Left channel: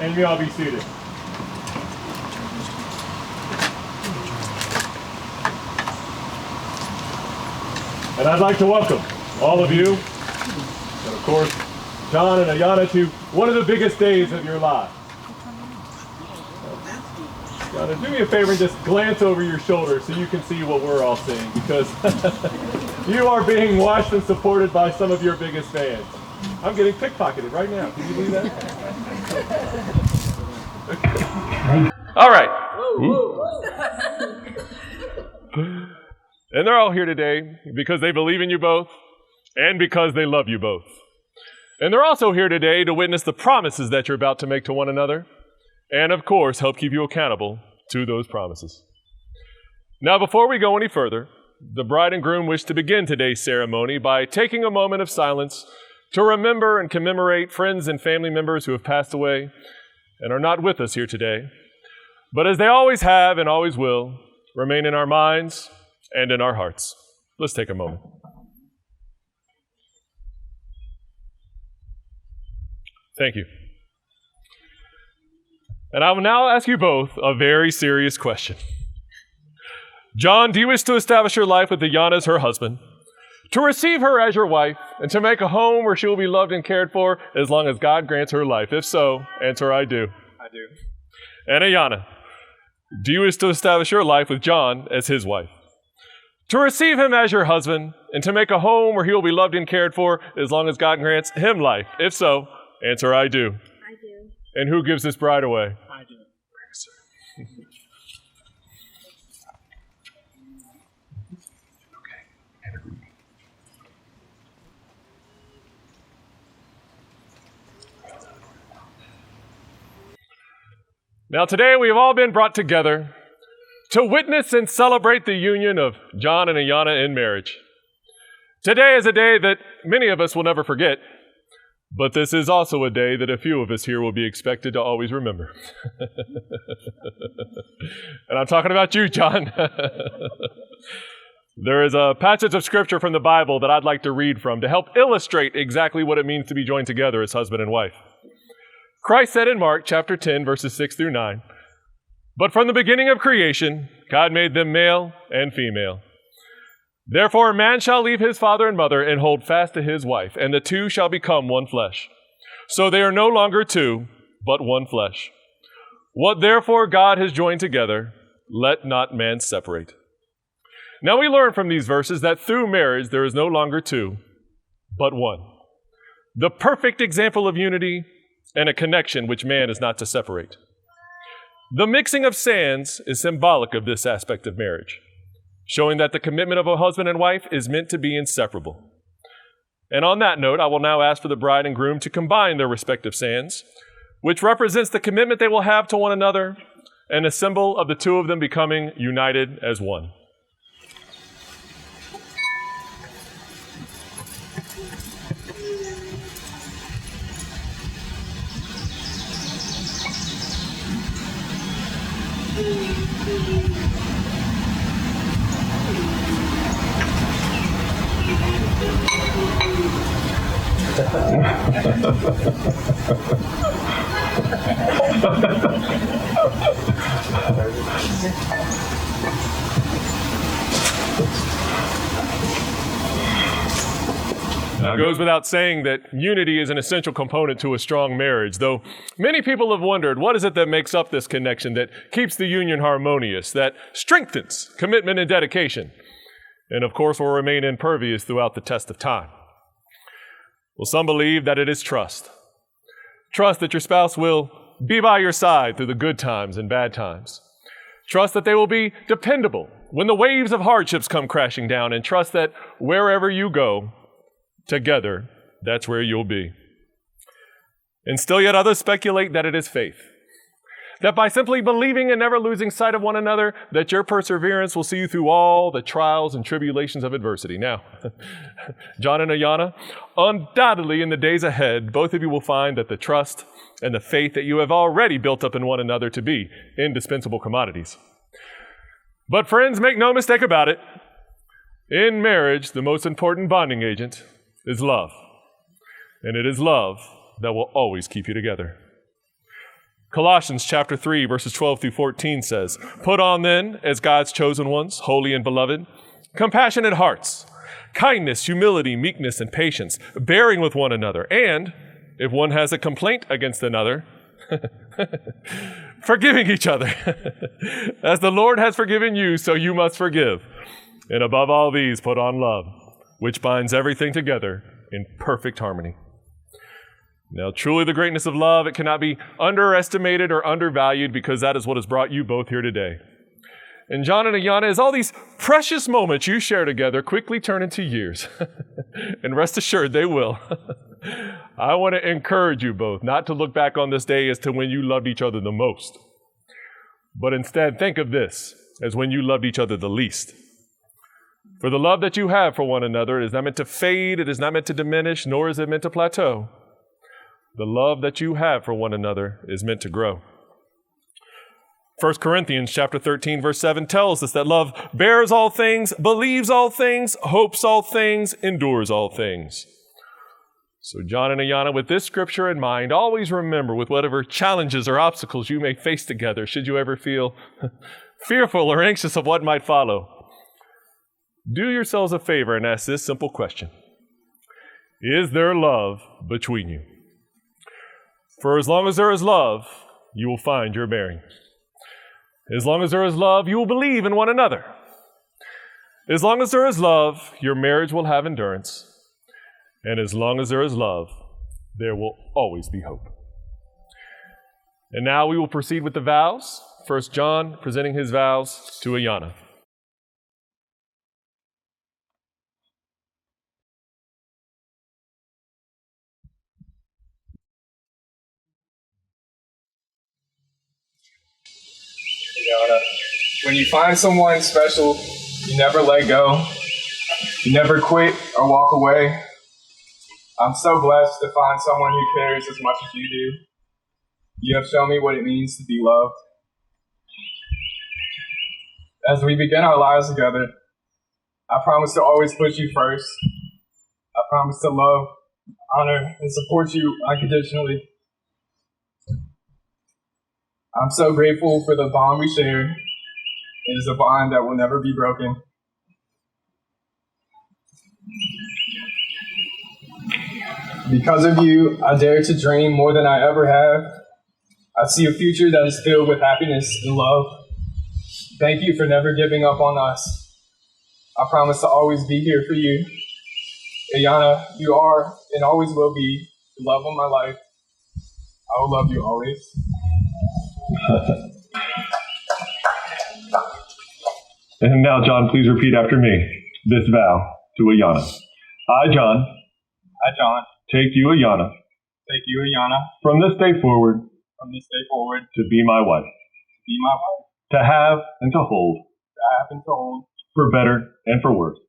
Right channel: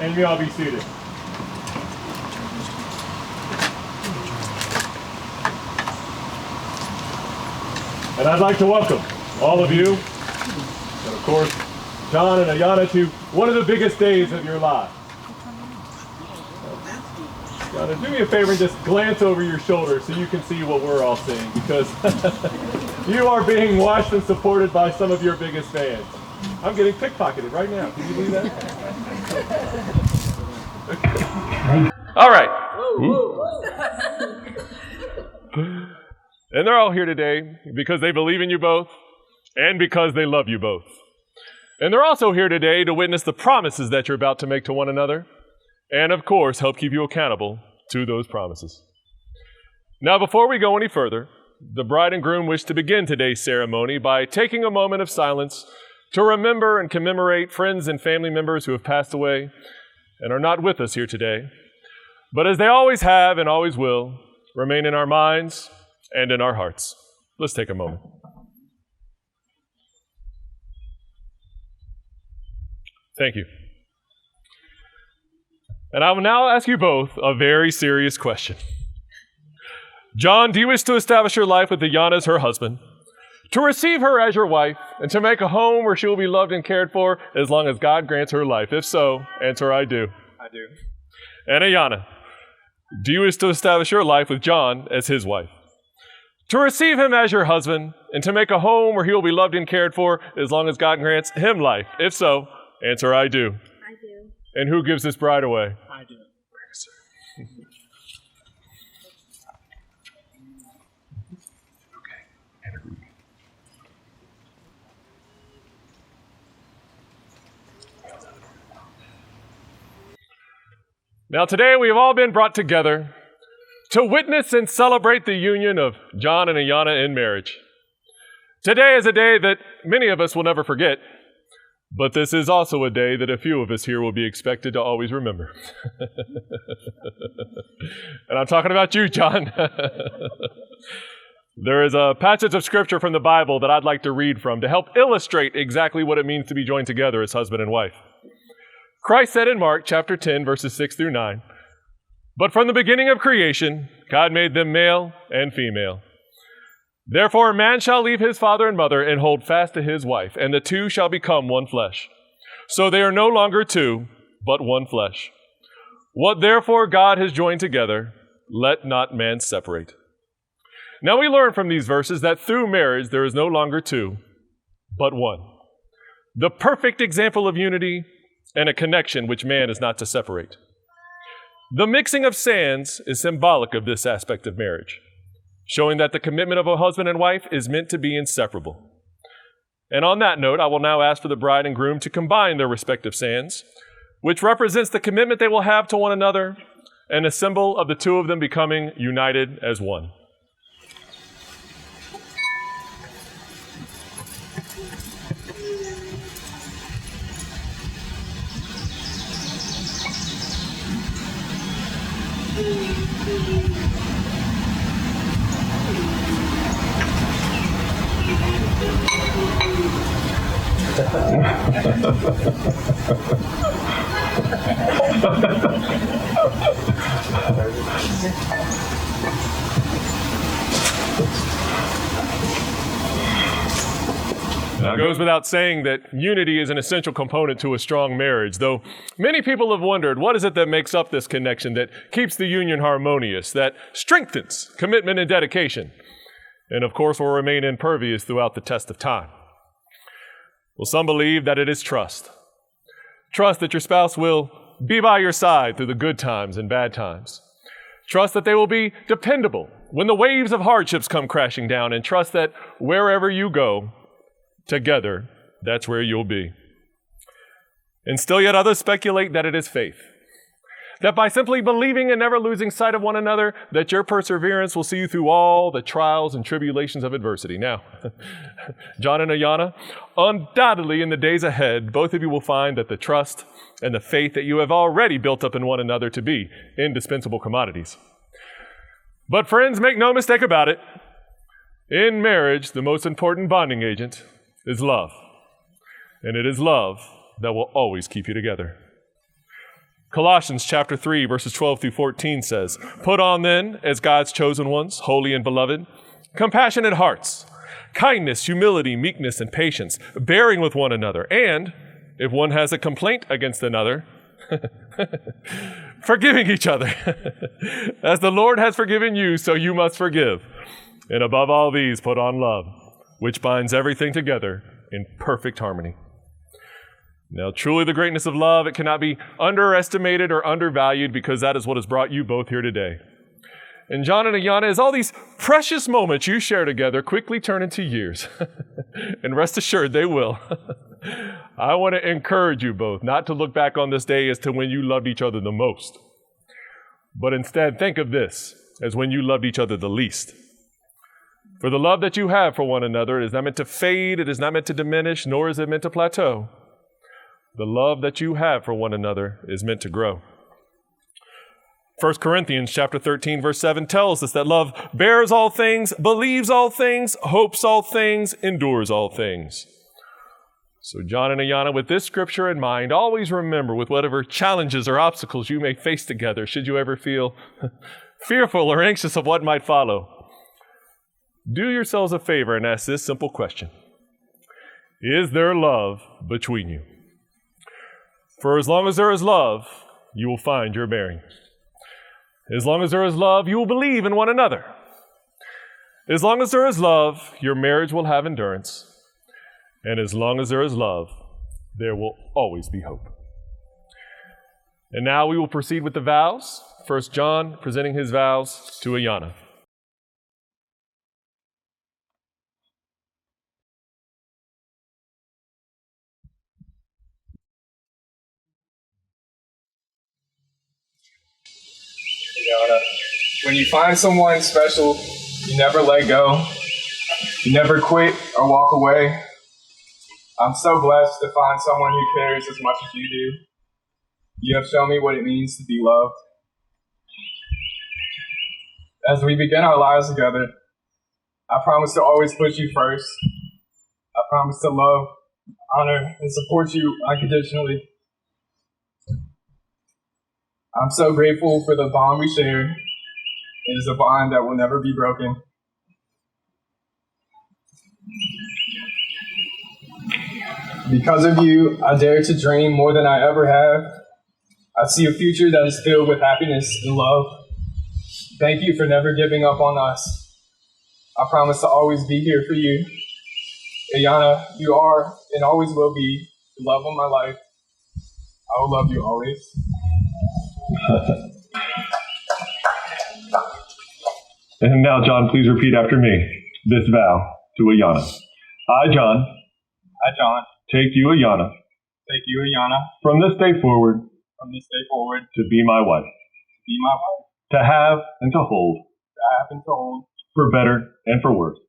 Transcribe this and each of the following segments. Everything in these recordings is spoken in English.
And you all be seated. And I'd like to welcome all of you, and of course, John and Ayanna, to one of the biggest days of your lives. Ayanna, do me a favor and just glance over your shoulder so you can see what we're all seeing, because you are being watched and supported by some of your biggest fans. I'm getting pickpocketed right now. Can you believe that? All right. And they're all here today because they believe in you both and because they love you both. And they're also here today to witness the promises that you're about to make to one another and, of course, help keep you accountable to those promises. Now, before we go any further, the bride and groom wish to begin today's ceremony by taking a moment of silence to remember and commemorate friends and family members who have passed away and are not with us here today, but as they always have and always will, remain in our minds and in our hearts. Let's take a moment. Thank you. And I will now ask you both a very serious question. John, do you wish to establish your life with Ayanna as her husband, to receive her as your wife, and to make a home where she will be loved and cared for as long as God grants her life? If so, answer, I do. I do. And Ayanna, do you wish to establish your life with John as his wife, to receive him as your husband, and to make a home where he will be loved and cared for as long as God grants him life? If so, answer, I do. I do. And who gives this bride away? I do. Now today we have all been brought together to witness and celebrate the union of John and Ayanna in marriage. Today is a day that many of us will never forget, but this is also a day that a few of us here will be expected to always remember. And I'm talking about you, John. There is a passage of scripture from the Bible that I'd like to read from to help illustrate exactly what it means to be joined together as husband and wife. Christ said in Mark chapter 10, verses 6 through 9, "But from the beginning of creation, God made them male and female. Therefore a man shall leave his father and mother and hold fast to his wife, and the two shall become one flesh. So they are no longer two, but one flesh. What therefore God has joined together, let not man separate." Now we learn from these verses that through marriage there is no longer two, but one. The perfect example of unity and a connection which man is not to separate. The mixing of sands is symbolic of this aspect of marriage, showing that the commitment of a husband and wife is meant to be inseparable. And on that note, I will now ask for the bride and groom to combine their respective sands, which represents the commitment they will have to one another and a symbol of the two of them becoming united as one. It goes without saying that unity is an essential component to a strong marriage, though many people have wondered, what is it that makes up this connection, that keeps the union harmonious, that strengthens commitment and dedication, and of course will remain impervious throughout the test of time? Well, some believe that it is trust. Trust that your spouse will be by your side through the good times and bad times. Trust that they will be dependable when the waves of hardships come crashing down, and trust that wherever you go, together, that's where you'll be. And still yet others speculate that it is faith. That by simply believing and never losing sight of one another, that your perseverance will see you through all the trials and tribulations of adversity. Now, John and Ayanna, undoubtedly in the days ahead, both of you will find that the trust and the faith that you have already built up in one another to be indispensable commodities. But friends, make no mistake about it. In marriage, the most important bonding agent is love. And it is love that will always keep you together. Colossians chapter 3, verses 12 through 14 says, "Put on then, as God's chosen ones, holy and beloved, compassionate hearts, kindness, humility, meekness, and patience, bearing with one another, and if one has a complaint against another, forgiving each other. As the Lord has forgiven you, so you must forgive. And above all these, put on love, which binds everything together in perfect harmony." Now, truly the greatness of love, it cannot be underestimated or undervalued, because that is what has brought you both here today. And John and Ayanna, as all these precious moments you share together quickly turn into years, and rest assured they will, I want to encourage you both not to look back on this day as to when you loved each other the most, but instead think of this as when you loved each other the least. For the love that you have for one another is not meant to fade, it is not meant to diminish, nor is it meant to plateau. The love that you have for one another is meant to grow. 1 Corinthians chapter 13, verse 7 tells us that love bears all things, believes all things, hopes all things, endures all things. So John and Ayanna, with this scripture in mind, always remember, with whatever challenges or obstacles you may face together, should you ever feel fearful or anxious of what might follow, do yourselves a favor and ask this simple question: is there love between you? For as long as there is love, you will find your bearing. As long as there is love, you will believe in one another. As long as there is love, your marriage will have endurance. And as long as there is love, there will always be hope. And now we will proceed with the vows. First, John presenting his vows to Ayanna. Ayanna, when you find someone special, you never let go. You never quit or walk away. I'm so blessed to find someone who cares as much as you do. You have shown me what it means to be loved. As we begin our lives together, I promise to always put you first. I promise to love, honor, and support you unconditionally. I'm so grateful for the bond we share. It is a bond that will never be broken. Because of you, I dare to dream more than I ever have. I see a future that is filled with happiness and love. Thank you for never giving up on us. I promise to always be here for you. Ayanna, you are and always will be the love of my life. I will love you always. And now, John, please repeat after me this vow to Ayanna. I, John, take you, Ayanna, from this day forward, to be my wife, to have and to hold, for better and for worse,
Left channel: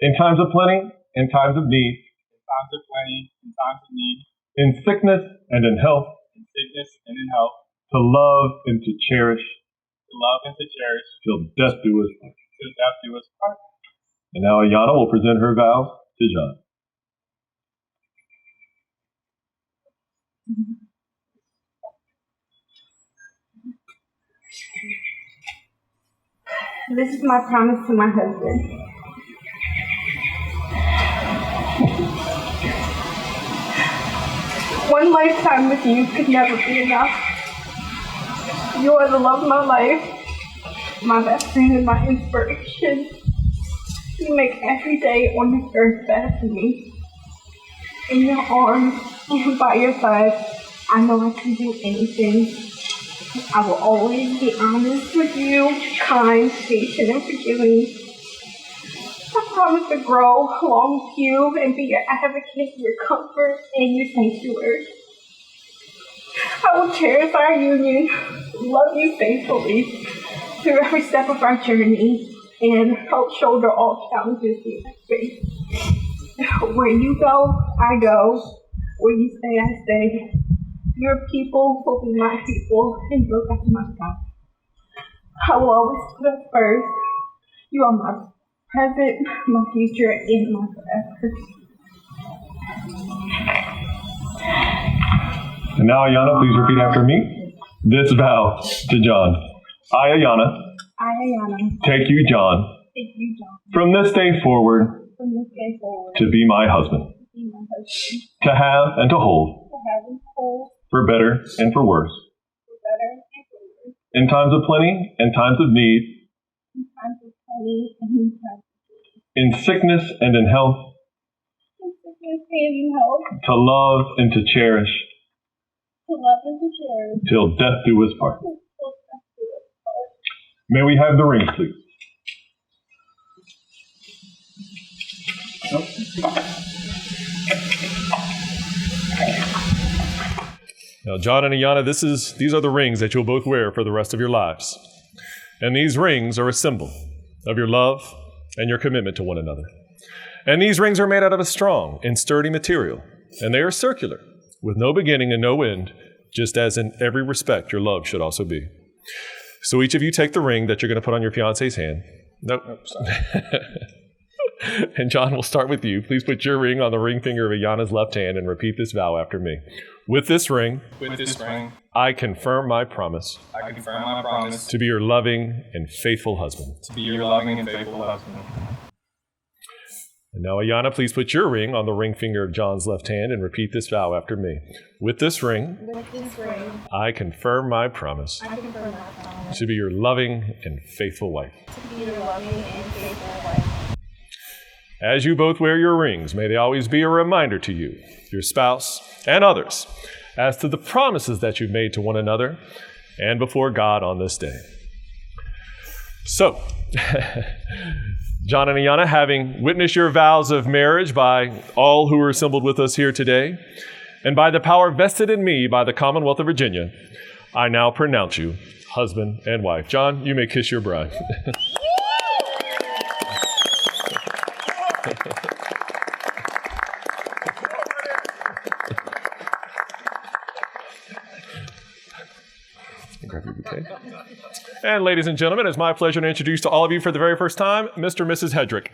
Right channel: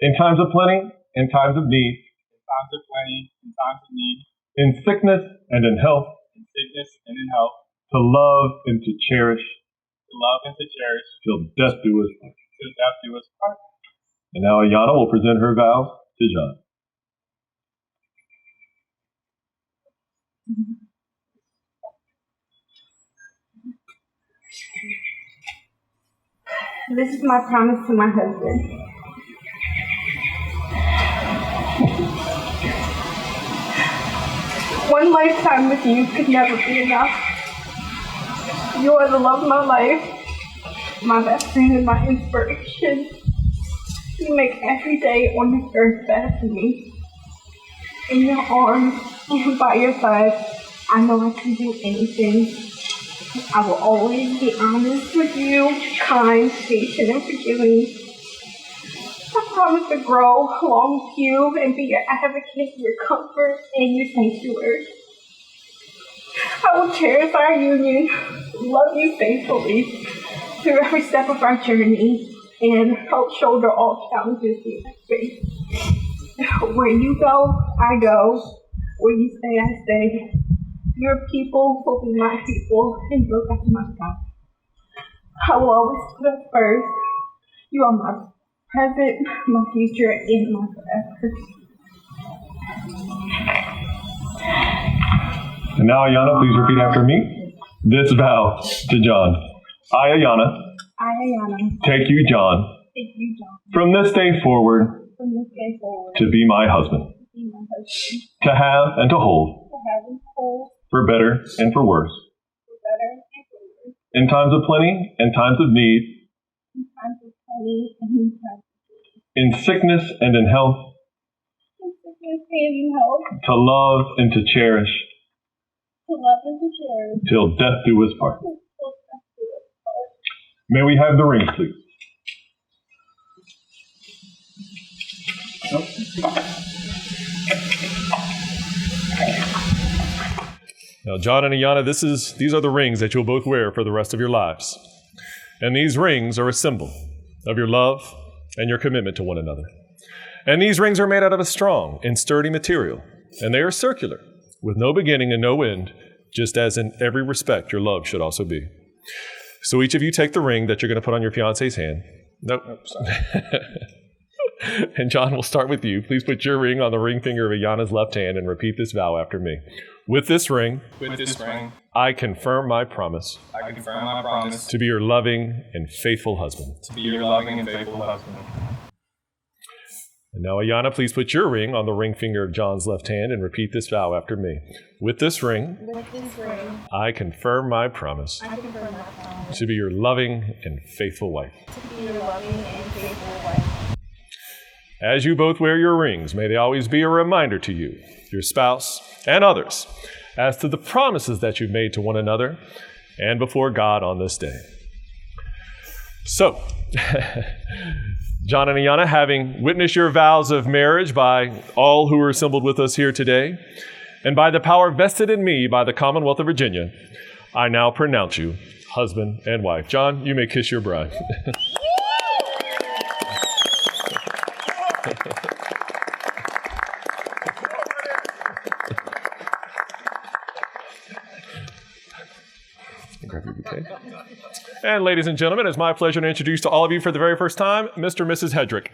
in times of plenty, in times of need, in sickness and in health, to love and to cherish, till death do us part. And now Ayanna will present her vows to John. This is my promise to my husband. One lifetime with you could never be enough. You are the love of my life, my best friend and my inspiration. You make every day on this earth better for me. in your arms and by your side, I know I can do anything. I will always be honest with you, kind, patient, and forgiving. I promise to grow along with you and be your advocate, your comfort, and your sanctuary. I will cherish our union, love you faithfully through every step of our journey, and help shoulder all challenges we face. Where you go, I go. Where you stay, I stay. Your people will be my people, and your God my God. I will always put us first. You are my present, my future, and my forever. And now, Ayanna, please repeat after me. This vow to John. I, Ayanna, take you, John, from this day forward, to be my husband, to have and to hold, for better and for worse, in times of plenty and times of need, in sickness and in health, to love and to cherish, till death do us part. May we have the rings, please? Now, John and Ayanna, these are the rings that you'll both wear for the rest of your lives. And these rings are a symbol of your love and your commitment to one another. And these rings are made out of a strong and sturdy material, and they are circular, with no beginning and no end, just as in every respect your love should also be. So each of you take the ring that you're going to put on your fiance's hand. Nope. And John, we'll start with you. Please put your ring on the ring finger of Ayanna's left hand and repeat this vow after me. With this ring, I confirm my promise. To be your loving and faithful husband. And now, Ayanna, please put your ring on the ring finger of John's left hand and repeat this vow after me. With this ring, I confirm my promise. To be your loving and faithful wife. As you both wear your rings, may they always be a reminder to you, your spouse, and others, as to the promises that you've made to one another and before God on this day. So, John and Ayanna, having witnessed your vows of marriage by all who are assembled with us here today, and by the power vested in me by the Commonwealth of Virginia, I now pronounce you husband and wife. John, you may kiss your bride. Grab your bouquet. And ladies and gentlemen, it's my pleasure to introduce to all of you for the very first time, Mr. and Mrs. Hedrick.